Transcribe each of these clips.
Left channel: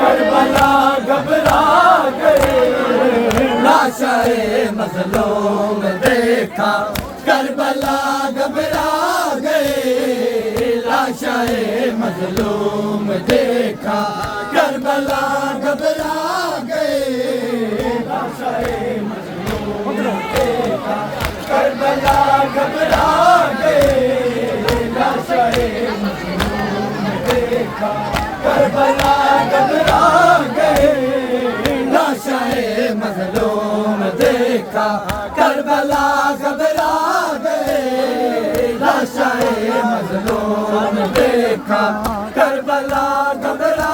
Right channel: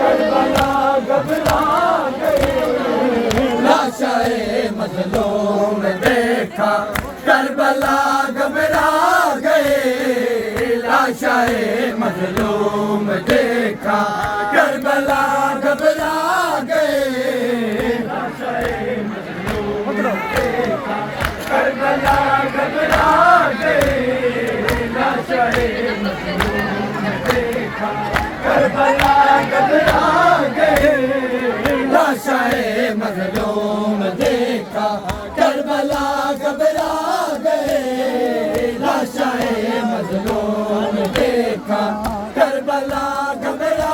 کربلا گھبرا گئے لاشائے مظلوم دیکھا کربلا گھبرا گئے لاشائے مظلوم دیکھا کربلا گھبرا گئے لاشائے مظلوم دیکھا کربلا گھبرا گئے لاشائے مظلوم دیکھا کربلا گھبرا گئے لاشائے مظلوم دیکھا کربلا گھبرا گئے لاشائے مظلوم دیکھا کربلا گھبرا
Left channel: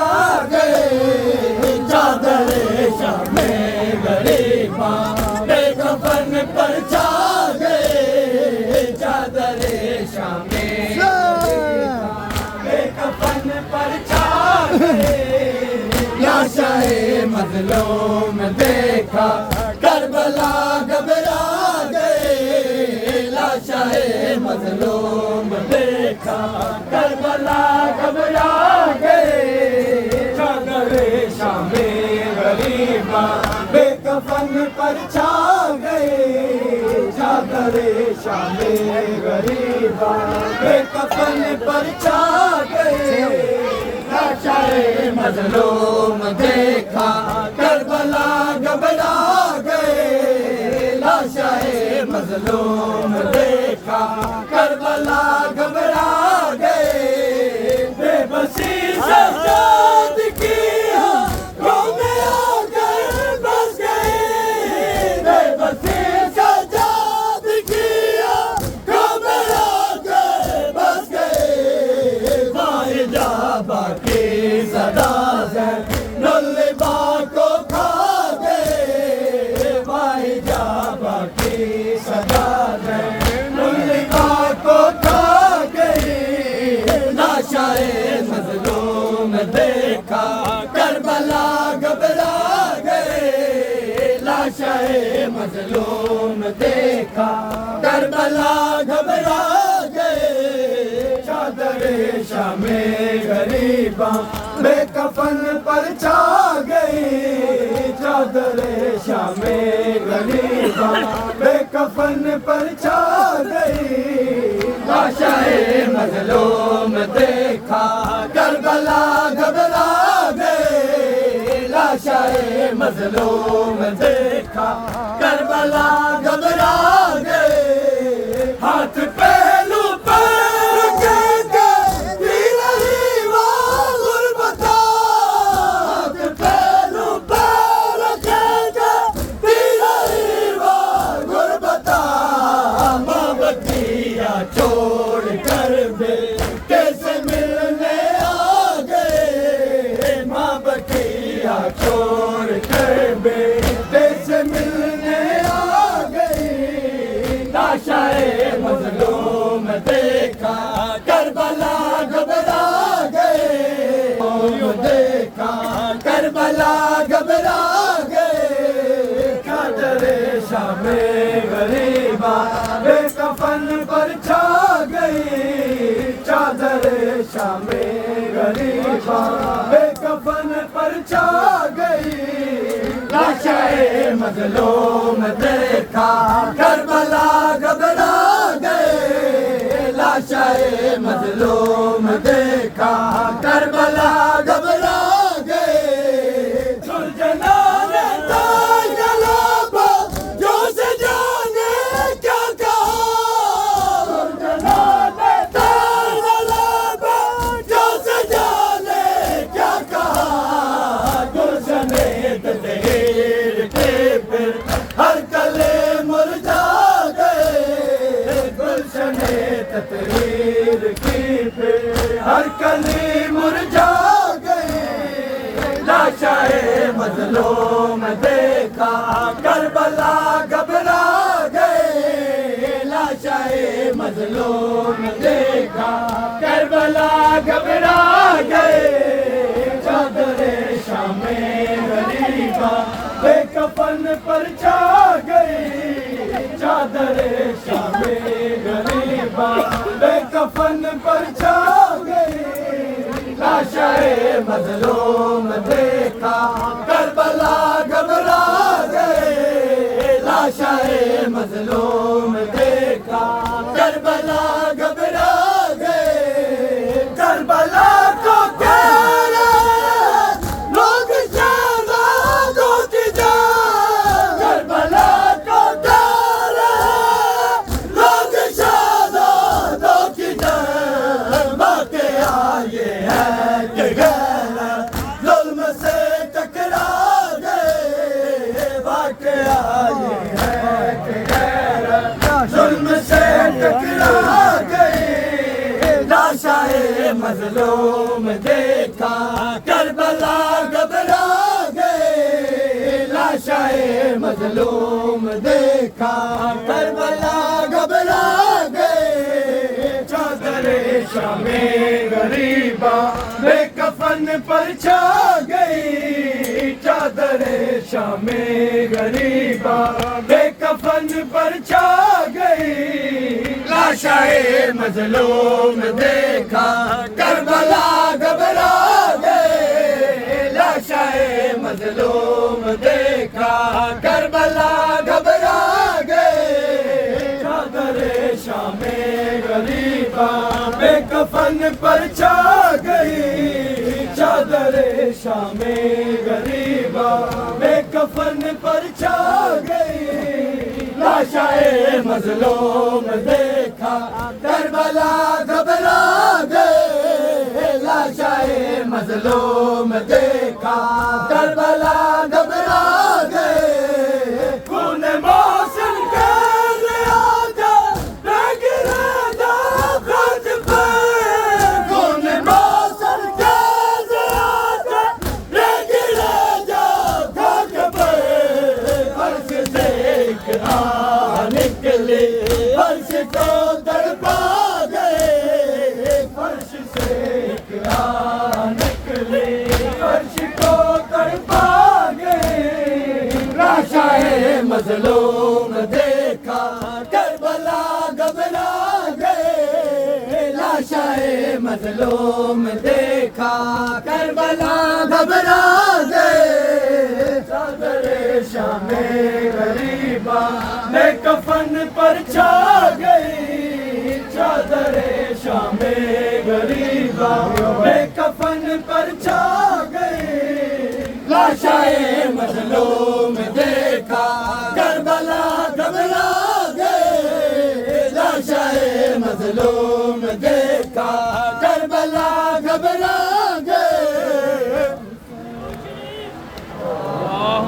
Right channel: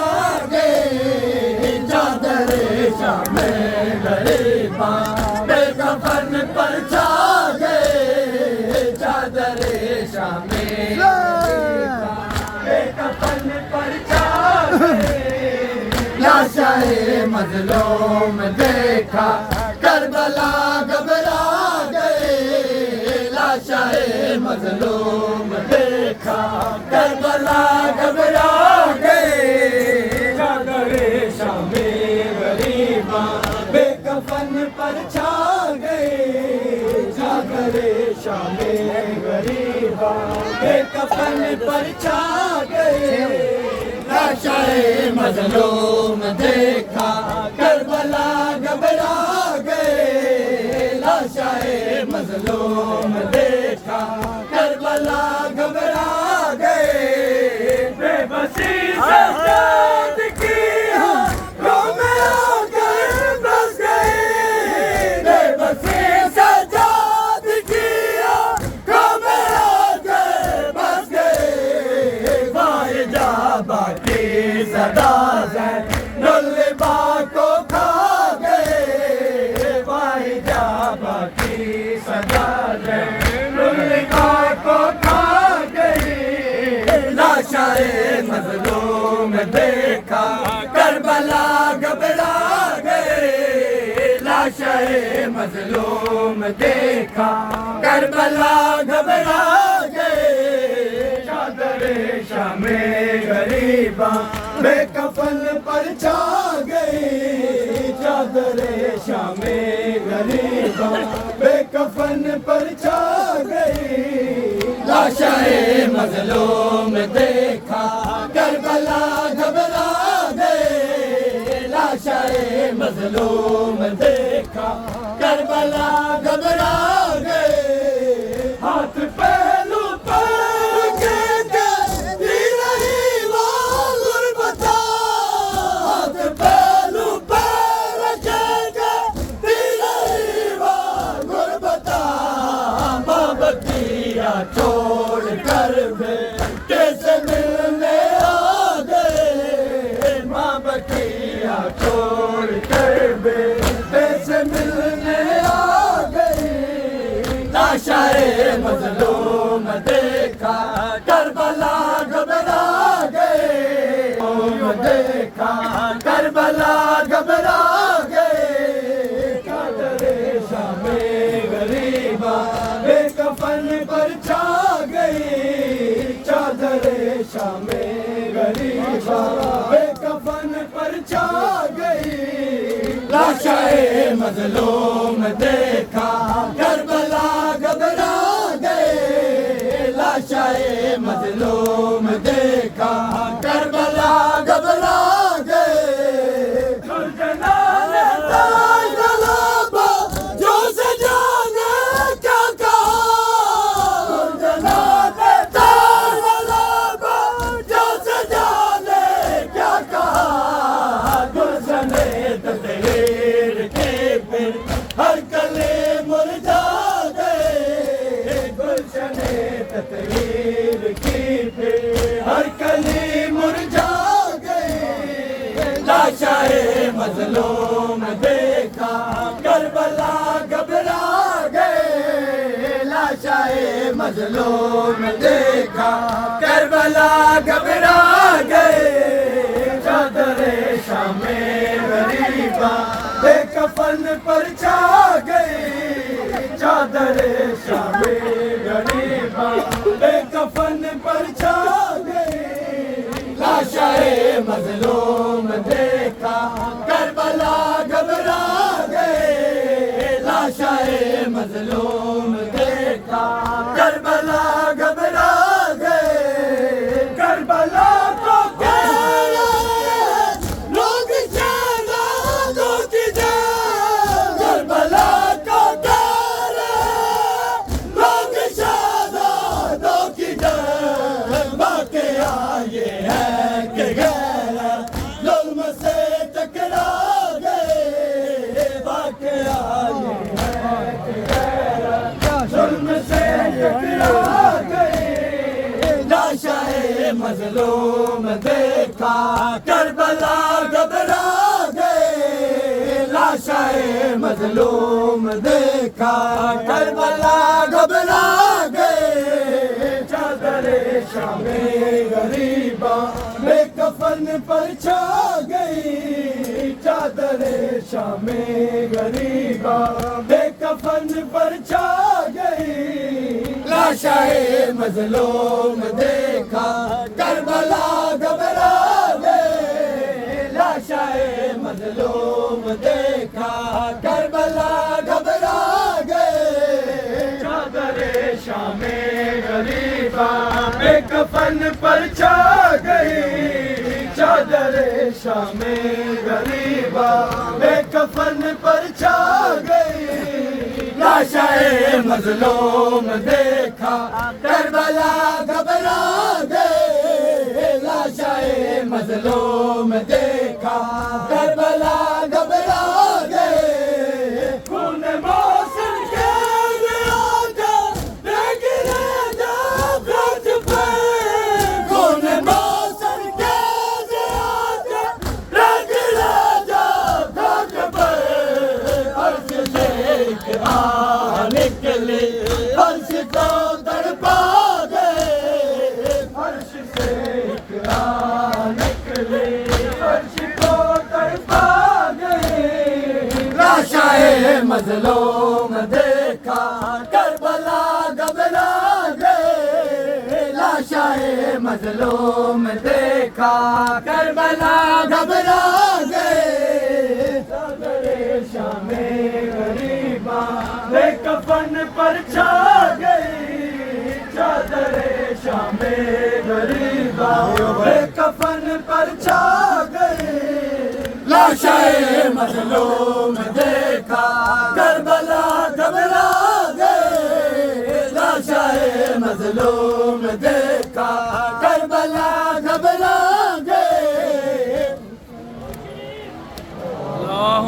گئے چادر شام غریباں بے کفن پر چھا گئے چادر شام بے کفن پر چھا گئے لاشائے مظلوم دیکھا کربلا گھبرا گئے لاشائے مظلوم دیکھا کربلا گھبرا گئے چادر شام غریباں بے کفن پر چھا گئے چادر شام غریباں بے کفن پر چھا گئے لاشائے مظلوم دیکھا کربلا گھبرا گئے لاشائے مظلوم دیکھا کربلا گھبرا گئے بے بسی سے قید کیا رو میں آ کر بس گئے بے بسی سے یاد کیا رو میں آ کر بس گئے فائدہ باقی صدا ہے نلبا کو کھا گئے فائدہ باقی صدا ہے نلبا کو کھا گئے لاشائے مظلوم دیکھا کربلا گھبرا گئے لاشائے مظلوم دیکھا کربلا گھبرا گئے چادر شام غریباں بے کفن پر چھا گئی چادر شام غریباں بے کفن پر چھا گئی لاشائے مظلوم دیکھا کربلا گھبرا گئے لاشائے مظلوم دیکھا کربلا گھبرا گئے ہاتھ پہلو چھوڑ کر بیٹے سے ملنے آ گئے ماں بکیا چھوڑ کر بیٹے سے ملنے آ گئی لاشائے مظلوم دیکھا کربلا گھبرا گئے دیکھا کربلا گھبرا گئے چادر شام غریباں بے کفن پر چھا گئی چادر شام غریباں بے کفن پر چھا گئی لاشائے مظلوم دیکھا کربلا گھبرا گئے لاشائے مظلوم دیکھا کربلا گھبرا گئے ہر کلے مرجھا گئے گلشن تطہیر کی پھر ہر کلی مرجھا گئے لاشائے مظلوم دیکھا کربلا گھبرا گئے لاشائے مظلوم دیکھا کربلا گھبرا گئے چادر شام غریباں بے کفن پر چھا گئی چادر شام غریباں بے کفن پر چھا گئی مظلوم دیکھا کربلا گھبرا گئے لاشائے مظلوم دیکھا کربلا گھبرا گئے چادر شام غریباں بے کفن پر چھا گئی چادر شام غریباں بے کفن پر چھا گئی لاشائے مظلوم دیکھا کربلا گھبرا گئے لاشائے مظلوم دیکھا کربلا گھبرا گئے چادر شام غریباں بے کفن پر چھا گئی چادر شام غریباں بے کفن پر چھا گئی لاشائے مظلوم دیکھا کربلا گھبرا گئے لاشائے مظلوم دیکھا کربلا گھبرا گئے خون موسم کے زیادہ گرے جا خط پر خون موسم کے زیادہ گرے جا خط پر فرش سے ایک نکلے فرش کو تڑپا گئے فرش سے ایک نکلے فرش کو تڑپا گئے لاشائے مظلوم دیکھا کربلا گھبرا گئے لاشائے مظلوم دیکھا کربلا گھبرا گئے چادر شام غریباں بے کفن پر چھا گئی چادر شام غریباں بے کفن پر چھا گئی لاشائے مظلوم دیکھا کربلا گھبرا گئے لاشائے مظلوم دیکھا کربلا گھبرا